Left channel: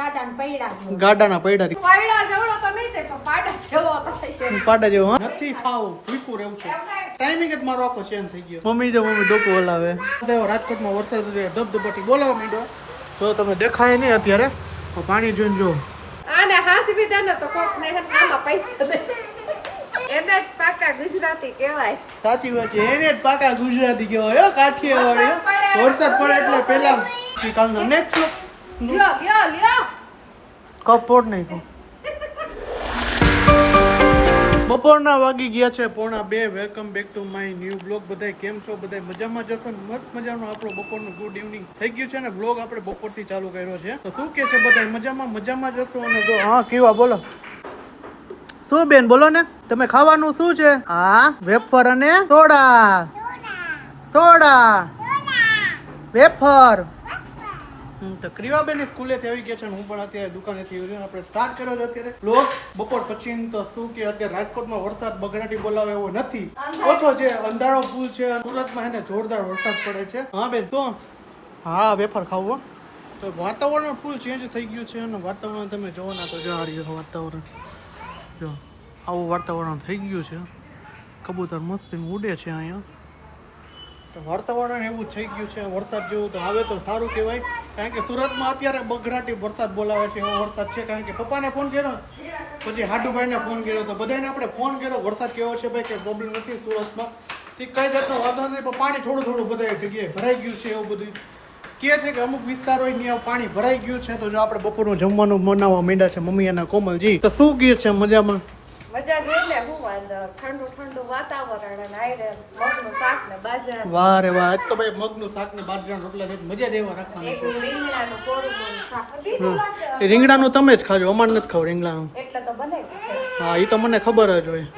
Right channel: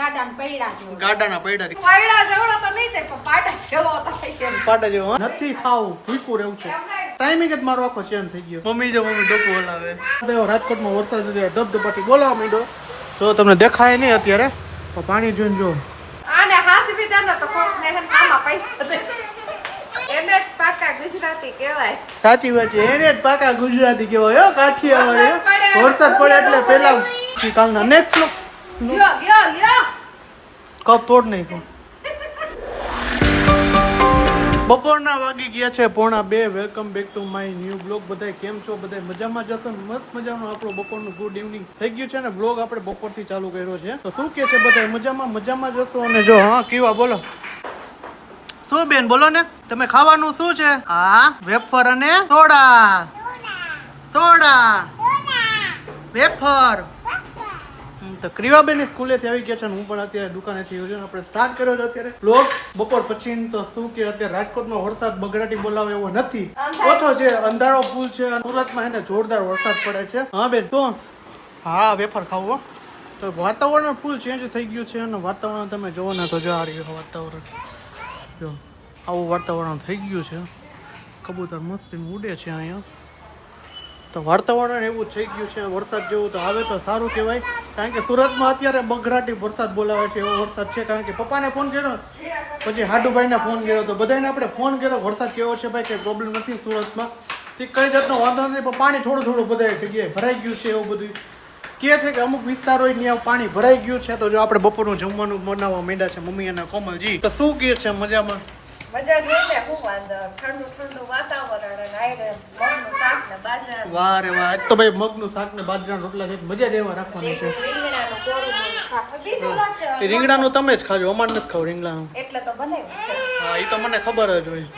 ગાડાના પૈડા જેવો નથી ખાવું, ભૂખ્યું રહેવું છે. ટાઈમિંગ જ મારો આખો ચેન્જ થઈ ગયો. મમ્મી ડોકું હલાવે. રાજકોટમાં વરસાદ ધબધબાટી બોલાવા માંડ્યો. જો તમને દેખાય નહીં અત્યારે, પાણી જોઈને જો. સાચી વાત છે, એને જ પાકા ગુજરાતી કહેવાય. કાઠિયાવાડી વરસાદ પડે એટલે પેલા કપ તોડ નહીં. બપોરના વાગી ગયા છે 1:30. Welcome back to my new blog. બધા કેમ છો? બધા મજામાં જશો ને? મસ્ત મજાનો આપણો બપોરનું ગુડ ઇવનિંગ થઈ ગયું છે ને. બ્લોગ આપણે બપોરથી ચાલુ કર્યો છે. તો શું કે છે બધા મજામાં જશો? અને જો હા કેવા બોલો શું બેન બોલો ને, તમે ખાવાનું શું છે? હા વેફર અને સોડા વેફર. તો ક્રિવાબેન સ્કૂલેથી આવી ગયા છે ને હું પણ અત્યારે દુકાનેથી આપણે સ્ટાર્ટ કર્યો છે અત્યારે બ્લોગ બપોર પછી. તો શું કે અત્યારે રાજકોટમાં વરસાદ બગડાટી બોલાવે એવો નથી, ઓછો છે, અંધારો ફૂલ છે. સુરતમાં એને જોરદાર વરસાદ પડે છે. હા બેન તો હા વેફર ખાવું. તો વાતાવરણ ફૂલ ચેન્જ થઈ ગયું છે અને વાતાવરણ તમે જોવો ને તો જો આ રહ્યું વાતાવરણ, જો આવું વાતાવરણ થઈ ગયું છે. કબૂતર મસ્તી ઉડે છે અહીંયા. તો વાતાવરણ એવું થઈ ગયું છે વરસાદ જેવું. તો આવે તો સારું કહેવાય, કારણ કે સુરતમાં અત્યારે બગડાટી વરસાદ બોલાવે છે એવો વરસાદ છે. કારણ કે પપ્પાને ફોન કર્યો, પછી હાડુભાઈને ફોન કર્યો, તો બધાને આપણે ફોન કર્યો વરસાદ કેવો છે ભાઈ, કંઈ પ્રોબ્લેમ નથી સુરતમાં, કઈ જાતનો વાંધો નથી. પણ પાણી થોડું બધા જગ્યાએ ભરાઈ ગયું છે એવું બધું કહે છે કે અમુક વિસ્તારો ત્યાં પાણી ભરાઈ ગયું છે. તો જો આપણે બપોરનું જમવાનું બનાવવા માંડ્યા છે મમ્મી અને કોમલજી. તો શું ગયું છે મજામાં? વાહ રે વાહ, એક તો ભાઈ મગનું શાક ને બાજરાના રોટલા છે, મજા જ એવા રાખવાની છે. રીંગણાનું તમે જ ખાજો, અમારે નથી ખાવ રીંગણાનું. હા એ તો મને ખબર જ હોય.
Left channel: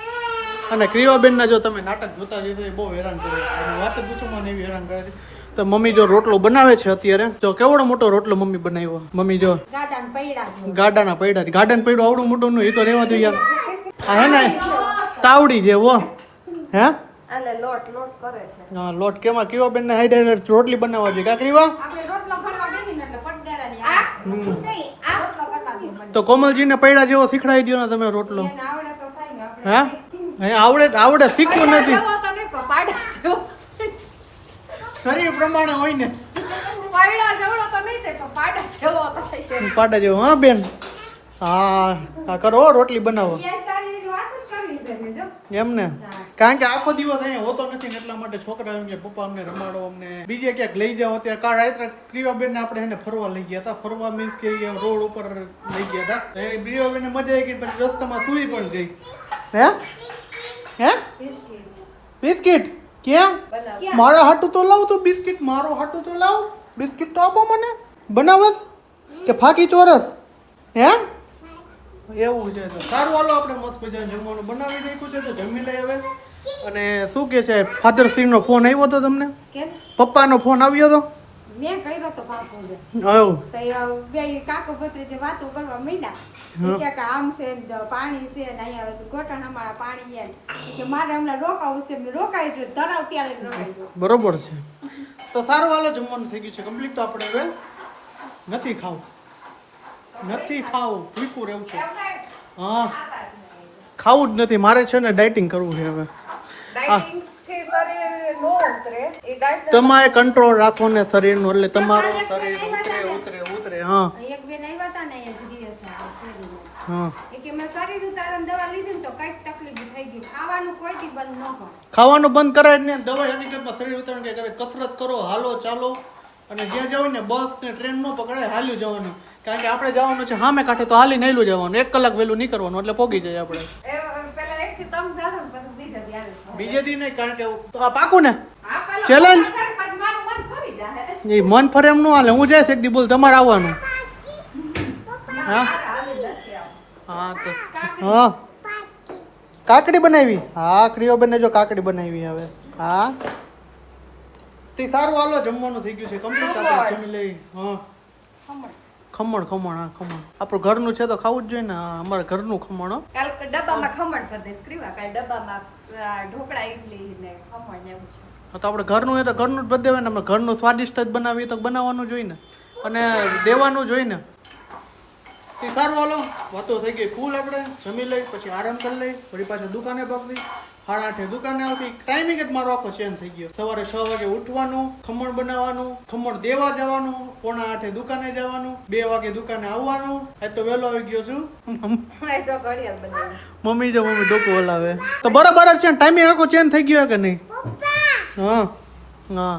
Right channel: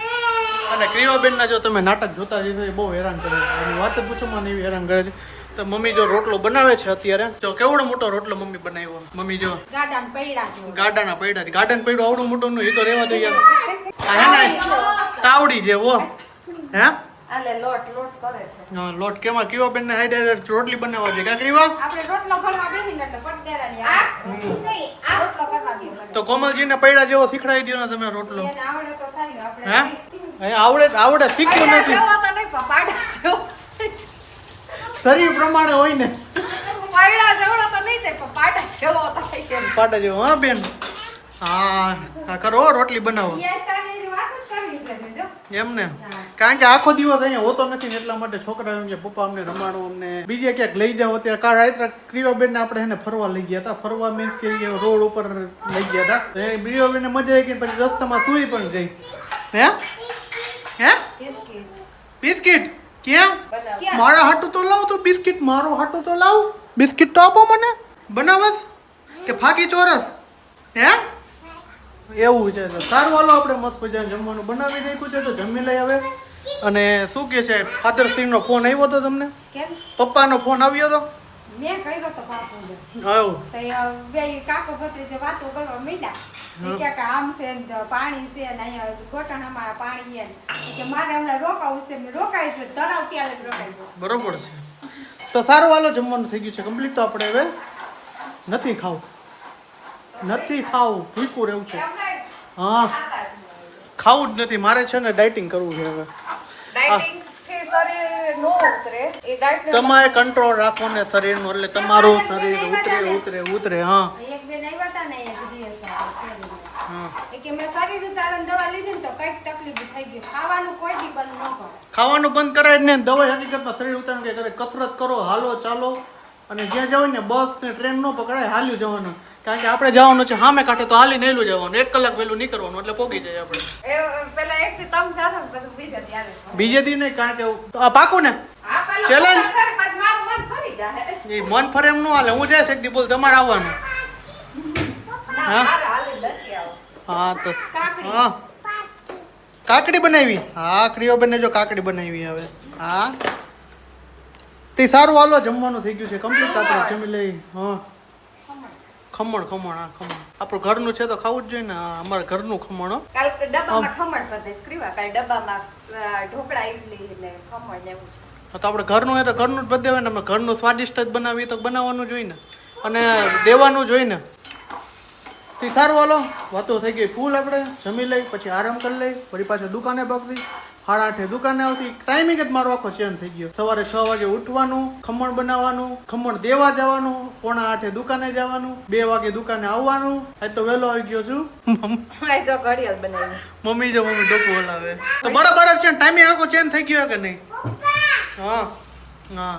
અને ક્રિયાબેન ના જો તમે નાટક જોતા જઈશો એ બહુ હેરાન કરે, વાત જ પૂછો મને એવી હેરાન કરે છે. તો મમ્મી જો રોટલો બનાવે છે અત્યારે, જો કેવડો મોટો રોટલો મમ્મી બનાવ્યો. મમ્મી જો ગાડાના પૈડા, ગાડાનું પૈડું આવડું મોટું નું એ તો રહેવા દો યાર. હા હે ને તાવડી જેવો હે. હા લોટ કેમાં કેવા બેન ને હાઈડર રોટલી બનાવવા છે કાકરીવા. તો કોમલજી ને પૈડા જેવો શીખડાવી દો ને તમે રોટલો. હે આવડે શીખ્યું નથી. શરીર પ્રમાણે હોય ને પાટા જેવો. હા બેન હા કરો રોટલી બનાવો એમ ને. કારણ કે આખો દિવસ અહીંયા હોતો નથી ને એટલા માટે છોકરા એમ કે પપ્પા અમને રમાડો, અમને બીજે ક્યાંક લઈ જાઓ. અત્યારે ક્રિવાબેન ને આપણે એને ફરવા લઈ ગયા હતા. ફરવા મીન્સ કે રોડ ઉપર લઈ ગયા હતા. ક્રિવાબેન ને મજા આવી ગઈ, પછી રસ્તામાં સુઈ પણ ગઈ. હે બિસ્કિટ ક્યાં? મારા હાટું તો લાવ તું બિસ્કિટ, મારો હાટું તો લાવ બિસ્કિટ તો આપો મને. બનાવસ કે ફાકી ચોરસ? હે એવું છે. સારું હાલો આપણે મસ્ત મજા જમવાનું બનાવી નાખ્યું છે તો જમી લઈ આવે. અને શું કે છે ફાધર સિંહ નો ફોન આવ્યો હતો તમને? પપ્પા નો ફોન આવ્યો હતો? મેં કર્યો તો બાપુ બે કાકો ભત્રીજે વાતો કરવા મીડા કે આમ છે પાણી છે ને અહીંયા ગોટાણામાં પાણી છે મારે હમણાં રોકાવું છે. મેં રોકાઈ છું તરાવ ત્યારે રોકાઈ. બરોબર છે. તો સારું હાલો જમવાનું થઈ ગયું છે કમ્પ્લીટ. તો આપણે હવે નથી ખાવું ભૂખ્યું રહેવું છે. હા ખાવું જ નથી મારે છે ને, ડાયટિંગ કરવું છે હવે. તમારે કંટ્રોલ રાખો ને શરીરનો, એટલે તમારું શરીર ઉતરે. હા ખાવાનું બંધ કરાય ને દવા હકીકતમાં શરીર ઉતારણ કે કરે. કસરત કરો, હાલો ચાલો, અને જ્યાં જાવ ને બસ ને ટ્રેન ન પકડાય, હાલ્યું જવાનું. કારણ કે આપણે જવાનું છે સામે કાંઠે, તો હાલી નહેલું જવાનું, 1 કલાક વહેલું નહીં કરવાનું એટલે પોગી જાય આપણે. બીજે દી નહીં, કારણ કે પાકું ને ચેલેન્જ. મન ફરે એમ ન હાલે. હું જઈશ એક દી બોલ તમારે આવવાનું. હા તો હા કાકડી બનાવી. હા ક્રિયોબેન ને જો કાકડી બનાવી હવે. હા તે સારું હાલો જમવાનું થઈ ગયું છે કમ્પ્લીટ. આપણે જમી લઈ. હા ખમણ હા ખમણ આપણું ઘરનું છે તો ખાવું જ જોઈએ ને. અમારા ઘરનું ખમણ. કાલ ડબ્બામાં ખમણ ભર દઈશ ક્રિવા, કાલ ડબ્બામાં ઢોકળા ઇડલી ને ખમણ ને એવું છે. હા તો આપણે ઘરનું હોય તો ઘરનું જ બધ દેવાય ને. અમે ઘરનું સ્વાદિષ્ટ જ બનાવીએ તો બનાવવાનું જોઈએ ને, અને દેવાનું જોઈએ ને. તો સારું હાલો વાતો થઈ ગઈ ફૂલ. આપણે જમી લઈ પછી આરામ કરી લઈ ફરી પાછા દુકાને પકડી 8:30 દુકાને આવતી. ટાઈમિંગ જ મારો આખો ચેન્જ થઈ ગયો. સવારે 6 વાગે ઉઠવાનું, ખમણ બનાવવાનું, ખમણ દેવા જવાનું, 7:45 દુકાને જવાનું, 2 વાગે દુકાને આવવાનું. આજ તો વહેલો આવી ગયો છું. મમ્મી ડોકો હલાવે તો બરાબર છે. ટાઈમિંગ આખો ચેન્જ થઈ ગયો કે નહીં? હા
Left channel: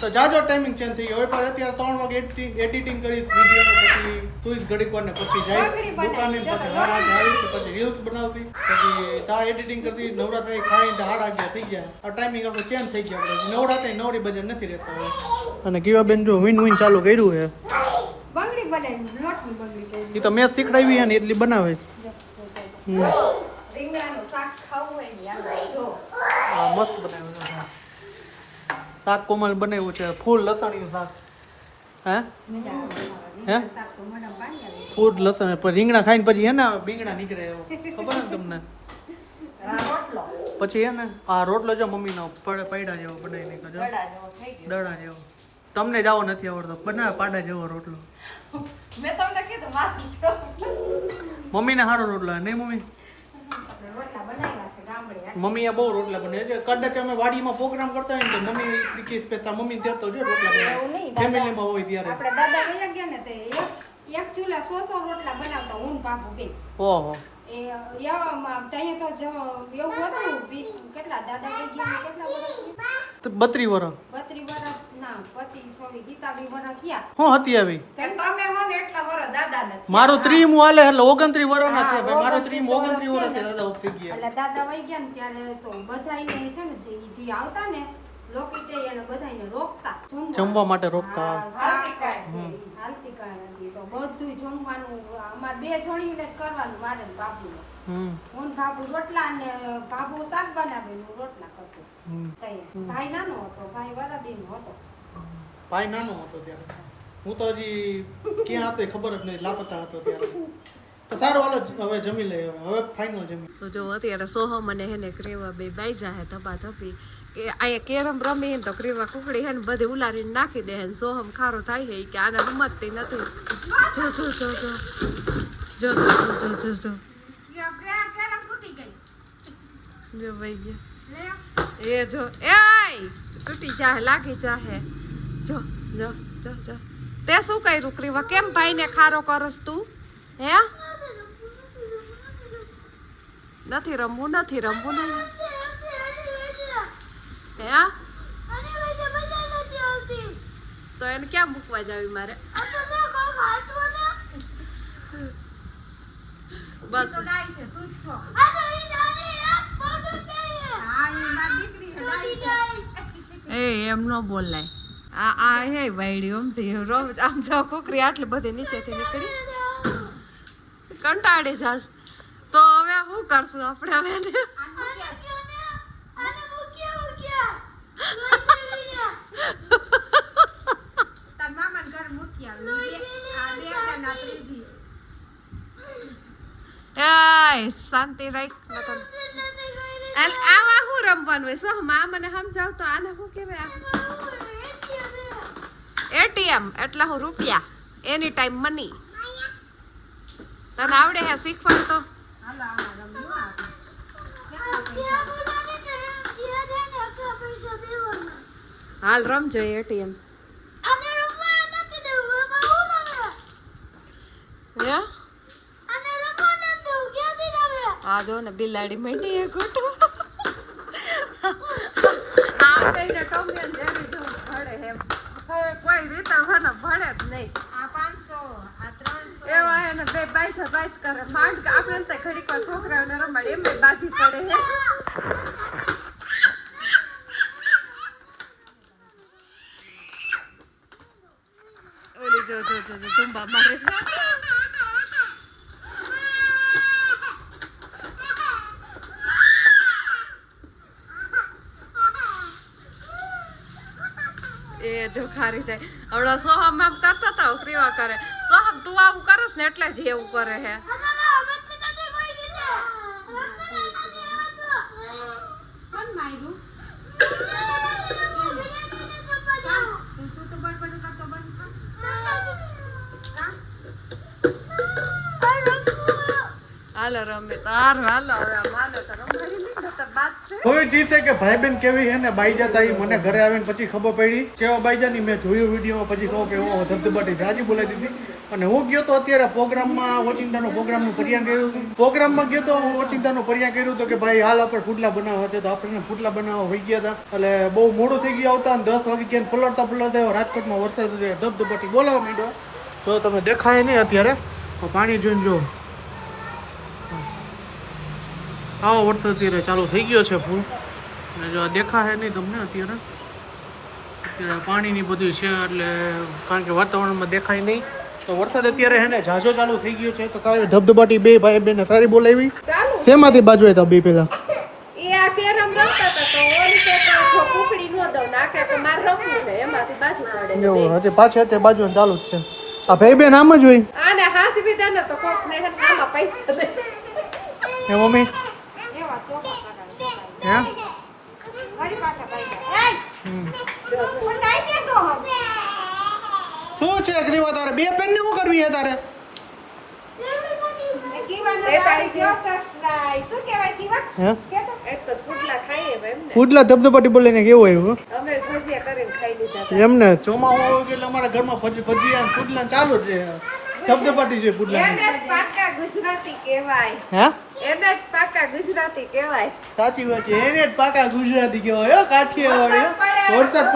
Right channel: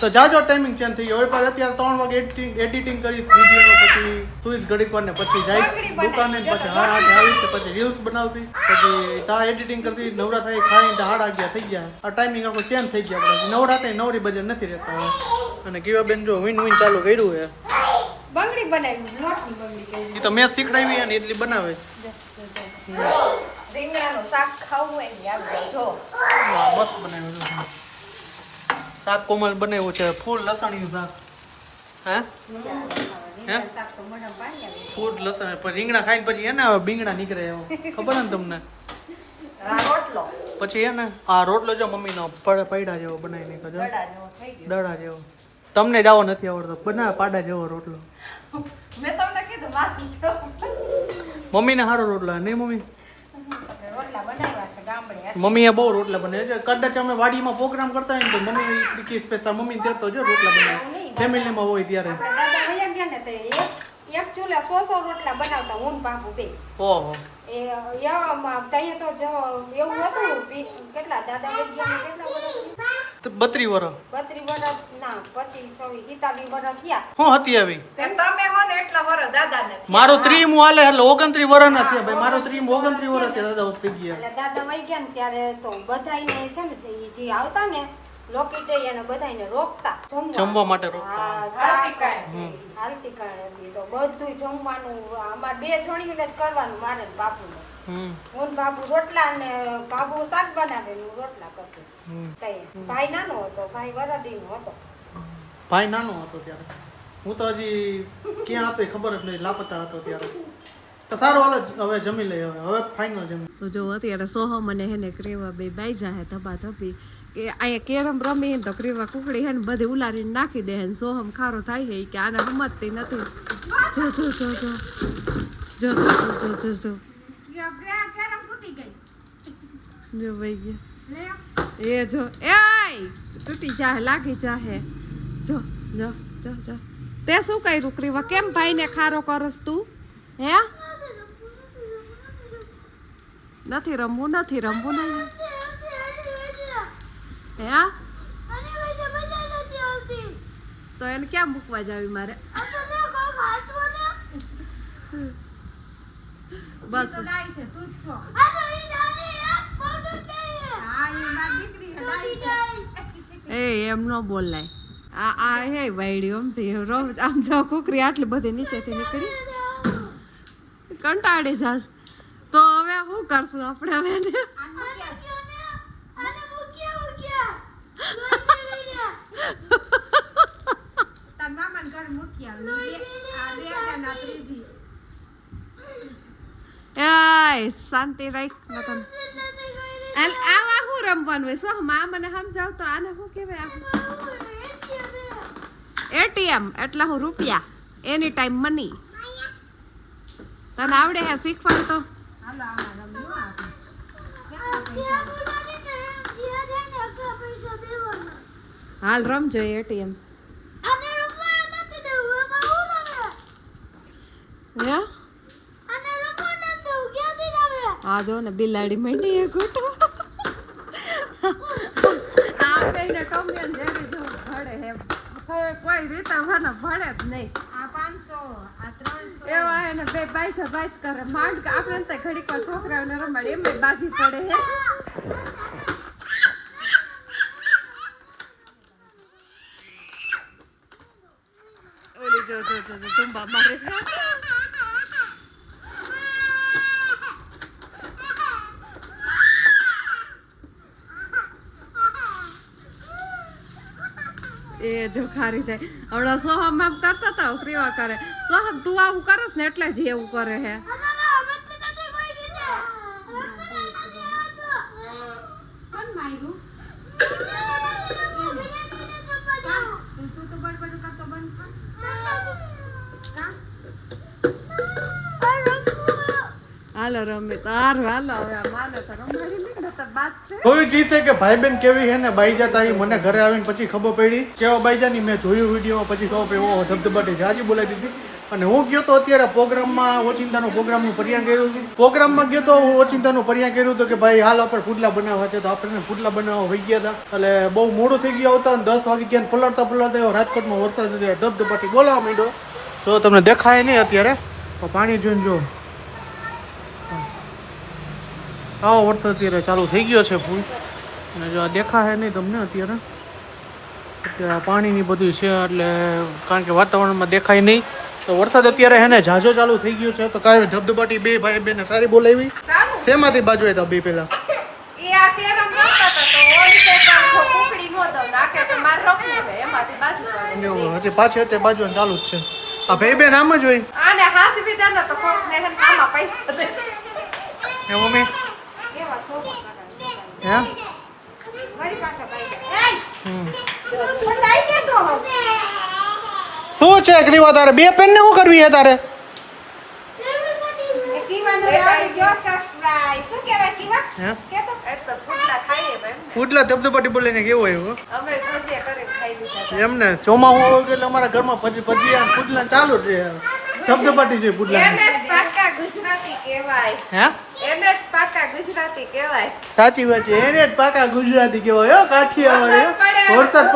તો જાજો ટાઈમિંગ ચેન્જ થઈ ગયો. હવે પાછું અત્યારે 3 વાગે એડિટિંગ કરીશ વિડીયોનો, પછી સુઈશ ઘડીક વાર ને પછી જઈશ દુકાને, પછી 8:30 આવીશ, પછી રીલ્સ બનાવશી, પછી તા એડિટિંગ કરશી, નવરા થઈ ખાઈને 11:30 થઈ ગયા. આ ટાઈમિંગ આખો ચેન્જ થઈ ગયા. આપણે નવરા થઈ નવરી બજાર નથી રહેતા હવે. અને કીવાબેન જો વિન ચાલુ કર્યું છે. બંગડી બનાવી, લોટની બંગડી. એ તો મેં શીખડાવી છે ને એટલી બનાવે. રીંગણાનું શાક ખાવું હોય ને આવે જો. હા મસ્ત બનાવ્યું. શાક કોમલ બનાવ્યું છે ફૂલ લસણિયું શાક. હે ફૂલ લસણ પછી રીંગણા ખાઈને પછી હે ને બીંગડા નીકળે એવો ખબર ને તમને. પછી હે ને આ રોટલો જો મમ્મીનો પૈડા જેવો બનાવી નાખ્યો, દડા જેવો. તમને જાવો નથી આવડતો, બનાવે પાડા જેવો રોટલો. મેં તમને કીધું મમ્મીને સારો રોટલો નહીં મમ્મી? મમ્મીએ બહુ રોટલા બનાવે છે. કદાચ અમે વાડીમાં પ્રોગ્રામ કરતા હોય ને તો મમ્મી કે સ્પેશિયલ મમ્મી જતો જો રોટલા બનાવે ફેમિલીમાં હોય ત્યારે. દાદા વયા ગયા ને તે એક ચૂલે 100 રોટલા બનાવતા હું બાપુ બે. ઓહો એ તઈએ તો એવું હતું કેટલા દાદા વહી ગયા ને કેટલા વર્ષ? 32 વર્ષ. 32 વર્ષ ના 25 26 હિતાબી વર્ષ થયા. હું હતી આવી તમે હો ને એટલા વર્ષ દાદા ને. મારો 30 હાલે એટલે 29 વર્ષ ના થયા ભાઈ. મારો 30 29 વર્ષ થયા દાદા થઈ ગયા. એટલે દાદા વહી ગયા ને ત્યારે તો બધાઈને છે ને જે આવતા ને લોકેટે એને બધાઈને રોકતા જમવા માટે રોકતા. હાલતી કાળ હતી તો બધું જમવાનું અમાર 2 છોડીને જ કરવાનું મારે ને બાપુને. હું બાબુ રોટલા ને બાબુ શાક બનાવે ને રોટલા કરતી. ભાઈ નાનો હતો, ભાઈ વરાદીનો હતો. ભાઈ નાનો હતો ત્યારે. હું તો હજી ક્યાં હતો ખબર જ નહીં, લાપતા હતો ત્યારે. તો સારું હાલો હવે જમી લઈએ. હવે ફાઇનલ જમી. તો જો અત્યારે સોહમ અને હેને ક્રેવા બે બાઈજા હે ધબા ધબી કે અહીંયા કેરમ રમી તો ક્રેવા કુકડી હે ને બધી ઉલારીને નાખી દે. સોહમ ખારો થાય છે કે આને રમતતી નથી. જો જો જો જો જો જો જો જો જો ભાઈ ગયા એ જો એ તૂટી જાહે લાગી જાહે. જો જો જો જો તે શું કર્યું ક્રેવા? કેમ ભાઈને ખારો કરસ તું? હે નથી રમવું નહીં. હે તો એને ક્યાં મૂકવા જાવી મારે? બસ એ એમ ન બોલાય. આ હે વાયડી આમ જો કુકરી આટલી બધી નીચેથી નીકળી કંટાળી જાસ. તો હવે શું કરશું આપણે? હવે શાંતિ રાખ. આવા શું રમવાનું હોય? શું મને સમજાવ તો આને શું કહેવાય? એટીએમ એટલે હું રૂપિયા, એની ટાઈમ મની. તને આવડે હે શીખવા? તો હાલ રમજો એટીએમ. આ જો ને બિલાડી માંડી ઘૂંટો. આ બેને ટોમિયન જેવી જો ભળે હે કોઈ રીતા વાના ભળે જ નહીં. આ 500 આ 300 એવા હે ને બે બાઈસ કરે. માંડ આપણે તો ઘડી કો છોકરાઓને રમાડે એમ બાજી પડે હે. ઓલી જો જો જો તુંબા મારે એ જો ખારી થાય. હમણાં સોહમ આમ કરતા હતા ક્રેવા કરે. સોહમ તું આવું કરસ ને એટલે જ એવું કરે હે. હાલો રમે તાર હાલો હવે માનો તો રમવાની નહીં તો બાત છે કોઈ જીતે કે ભાઈ બેન કેવી છે ને બાઈ જતા ઈ મને ઘરે આવીને પછી ખબર પડી કેવા બાઈજાની મેં જોયું વિડીયો પછી ખબર પડી ઓહો ધબધબાટી જાજી બોલાવી દીધી અને હું ગયો તો અત્યારે પ્રોગ્રામમાં ઓચિંતાનો પ્રોગ્રામનું પરિયાણ કર્યું હતું પ્રોગ્રામમાં ગયો તો હું ઓચિંતાનું પરિયાણ કર્યું હતું કે ભાઈ હાલ આપણે ફૂટલા બનાવવા છે તો આપણે ફૂટલા બનાવવા વહી ગયા હતા એટલે બહુ મોડું થઈ ગયું આવતા અને 10 વાગે ક્યાં પલળતા રાજકોટમાં વરસાદ ધબધબાટી બોલાવા માંડ્યો તો તમને દેખાય નહીં અત્યારે પાણી જોઈને જો આવો વરસાદ અત્યારે ચાલુ થઈ ગયો છે ફૂલ અને જો દેખાય નહીં તમને અત્યારે પાણીની બધું છે એટલે કારણ કે વાતાવરણમાં દેખાય નહીં તો વરસાદ અત્યારે હે ને ઝાઝો ચાલુ થઈ ગયો છે તો કાંઈ ધબધબાટી બે ભાઈ બેને સારી બોલાવી શેમાંથી બાજુ હતા બે પેલા ઈ આ કેરમ રમતા હતા તો ઓલી સાઈડ જો કુકડી નો દઉં નાકે તો માર રમવું છે એમાંથી બાજુ પડે એવું હજી પાછે તે બાજુ ચાલુ જ છે આ ભાઈ બેન આમ જ હોય આને હાથ વિધા ના તો કોક ને કામમાં પૈસા દે હે મમ્મી એવા તો હે મારી પાસે ભાઈ એય પણ દાઈ કે શું છે ગ્રીવા તારે બે પેન ને શું કરવી છે તારે હે ફૂટલા ધબધબાટી બોલીને કેવું આવ્યું એમને ચોમાસું હોય એટલે અમારા ઘરમાં ભજીયા ફૂટલા ચાલુ જ છે ધબધબાટી છે ફૂટલા હે સાચી વાત છે એને જ પાકા ગુજરાતી કહેવાય હો કાઠિયાવાડી વરસાદ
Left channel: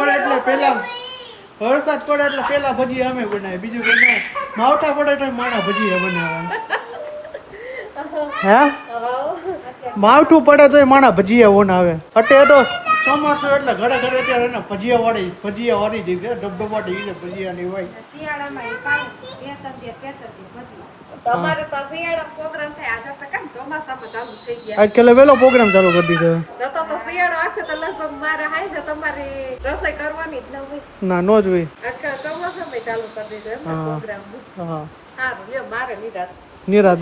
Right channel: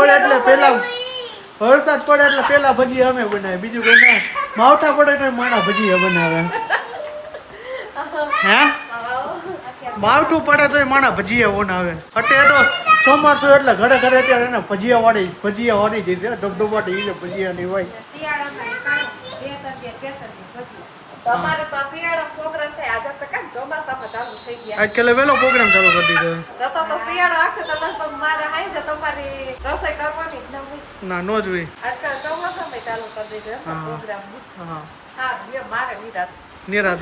પડે એટલે પેલા ભજીયા અમે બનાવીએ બીજું કોઈ ના માવઠા પડે તો માણા ભજીયા બનાવે હે માવઠું પડે તો માણા ભજીયા બનાવે અત્યારે તો ચોમાસું એટલે ઘરે ઘરે અત્યારે એને ભજીયા વાળી જઈ છે ડબડબાટી છે ભજીયા ની હોય આજકાલ વેલો પ્રોગ્રામ ચાલુ કરી દીધો ના નો જ હોય નિરાત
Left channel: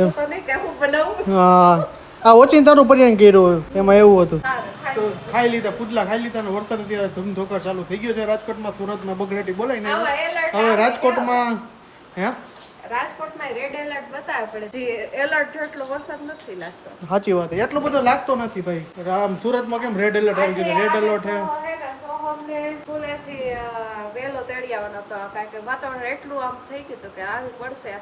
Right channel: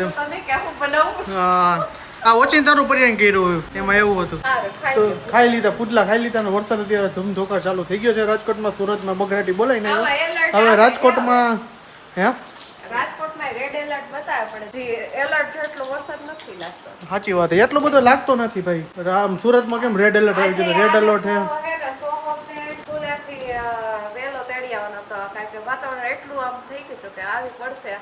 હા આ ઓચિંતાનું પરિણામ કર્યું એમાં એવું હતું તો ખાઈ લીધા પુડલા ખાઈ લીધા અને વરસાદ અત્યારે ધૂમધોકાર ચાલુ થઈ ગયો છે રાજકોટમાં સુરતમાં બગડાટી બોલાઈને હવે રાજકોટમાં હે રાજકોટમાં રેડ એલર્ટ બતાવે પણ જે એલર્ટ એટલો વરસાદ નથી લાગતો સાચી વાત એટલો બધો લાગતો નથી ભાઈ આમ સુરતમાં કેમ રેડ એલર્ટ આવી ગયો રેડ એલર્ટ હે વેલો તેડી આવવાનો હતો કારણ કે વાતાવરણ એટલું આમ થઈ ગયું હતું કે આવી પડશે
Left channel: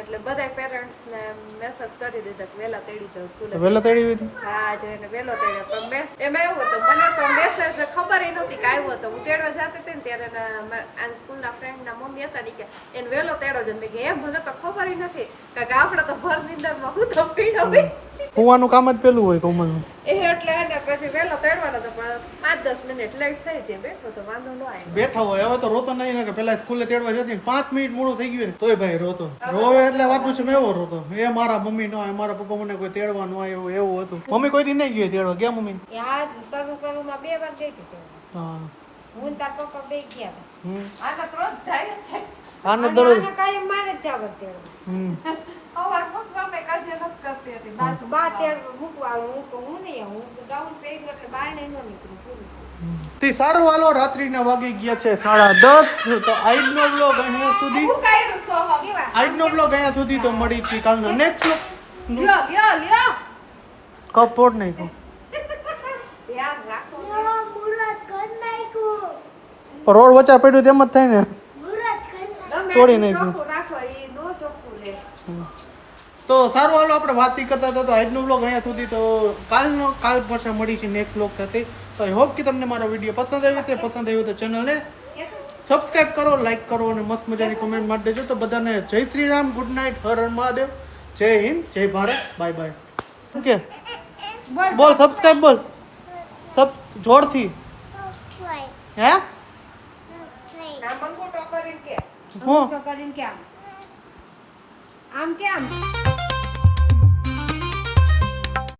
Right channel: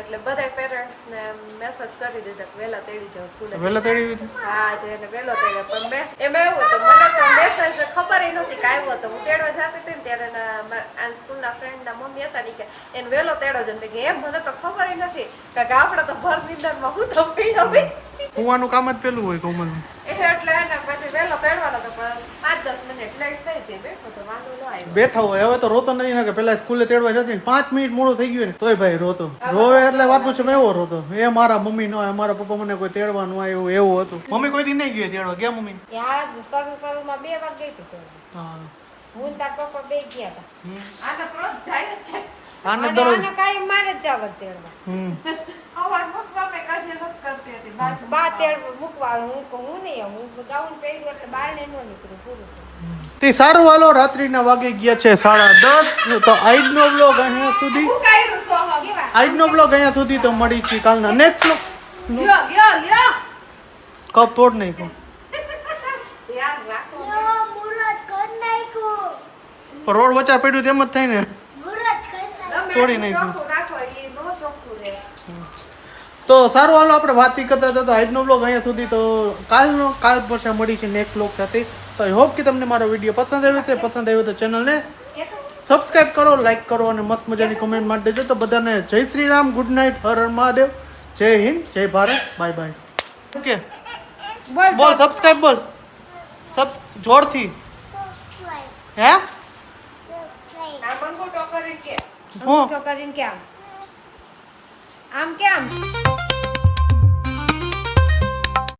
એટલે બધા પેરેન્ટ્સ ને મેસેજ કરી દીધા કે વેલા તેડી જાવ સ્કૂલે વેલા તેડી હા જેને વેલો તેડ્યા પણ મેં એમાં એવું હતું મને તો મેસેજ ખબર નહોતી કે આવ્યો હતો હું તેડવા જતી હતી ને ત્યારે આ સ્કૂલના ફ્રેન્ડના મમ્મી હતા ને કે એને વેલો તેડો જ મેં કે એમ મને તો ખબર નથી કારણ કે આપણે તો ભર નિંદરમાં હું તો પીડો હોવાનું કામ જ પેલું હોય કોમલનું એટલે એને પછી વેલો તેડવાનો તો પણ 5-10 મિનિટ લેટ થઈ હતી બેઠો તો વાંધો ન આવ્યો બેઠો હોય હવે તો રોતો નહીં ને કે પેલા સ્કૂલે તેડવા જતી 5 મિનિટ મોડું થઈ ગયું ને તોય ભાઈ રોતો રોવે એટલે વાતું છે મેં એવો રોતો એ મારા મમ્મી નો મારા પપ્પા મને કોઈ તેડવા નો આવ્યું એવું હતું મમ્મી કોઈ દી નહીં ગઈ તેડવા ગયા મમ્મી યાર શરૂમાં 2 વાર ગઈ હતી હા હું તાર પપ્પા બે ગયા હતા આ તો રોજ જાય જ છે આને દરરોજ કાઈ મારે જ જાવ તેડવા હવે મૂકવા મે કાજે ન કરતી હતી બા તેડ મૂકવા હું નહીં હું ગાઉન પહેર્યું એટલે બહાર નહીં નીકળું પૂરું તે સારું હાલો રાત્રિના વાગી ગયા છે 10:30 તો આજનો વ્લોગ અહીંયા સુધી આજનો વ્લોગ અહીંયા સુધી તો મળી છે કાલના નેક્સ્ટ કપ તોડ નહીં કો યાર રાખો રોડ વચ્ચે પડ્યું તેમ જ થાય ને તોડી નાખ્યું રાખો એ નો ચોખ્ખું રહે તો સારું હાલો આપણે વાત કરતા હતા તો આજનો વ્લોગ અહીંયા સુધી તો કાલ પછી મળી છે નેક્સ્ટ વ્લોગ સાથે તો આઈ હોપ કે તમને મારો વિડીયો પસંદ આવ્યો છે પસંદ આવ્યો તો ચેનલને સબસ્ક્રાઇબ કરો લાઈક કરો અને મસ્ત મજાની કોમેન્ટ મારી દેજો તો બધાને જય શ્રી રામ ગુડ નાઇટ હર હર મહાદેવ જય હિન્દ જય ભારત બાય બાય ઓકે બોલ સબસ્ક્રાઇબ બોલ સબ જોરથી હે ના બંગો ટોકરીન કે હું ટોકરીન કે આમ કેમ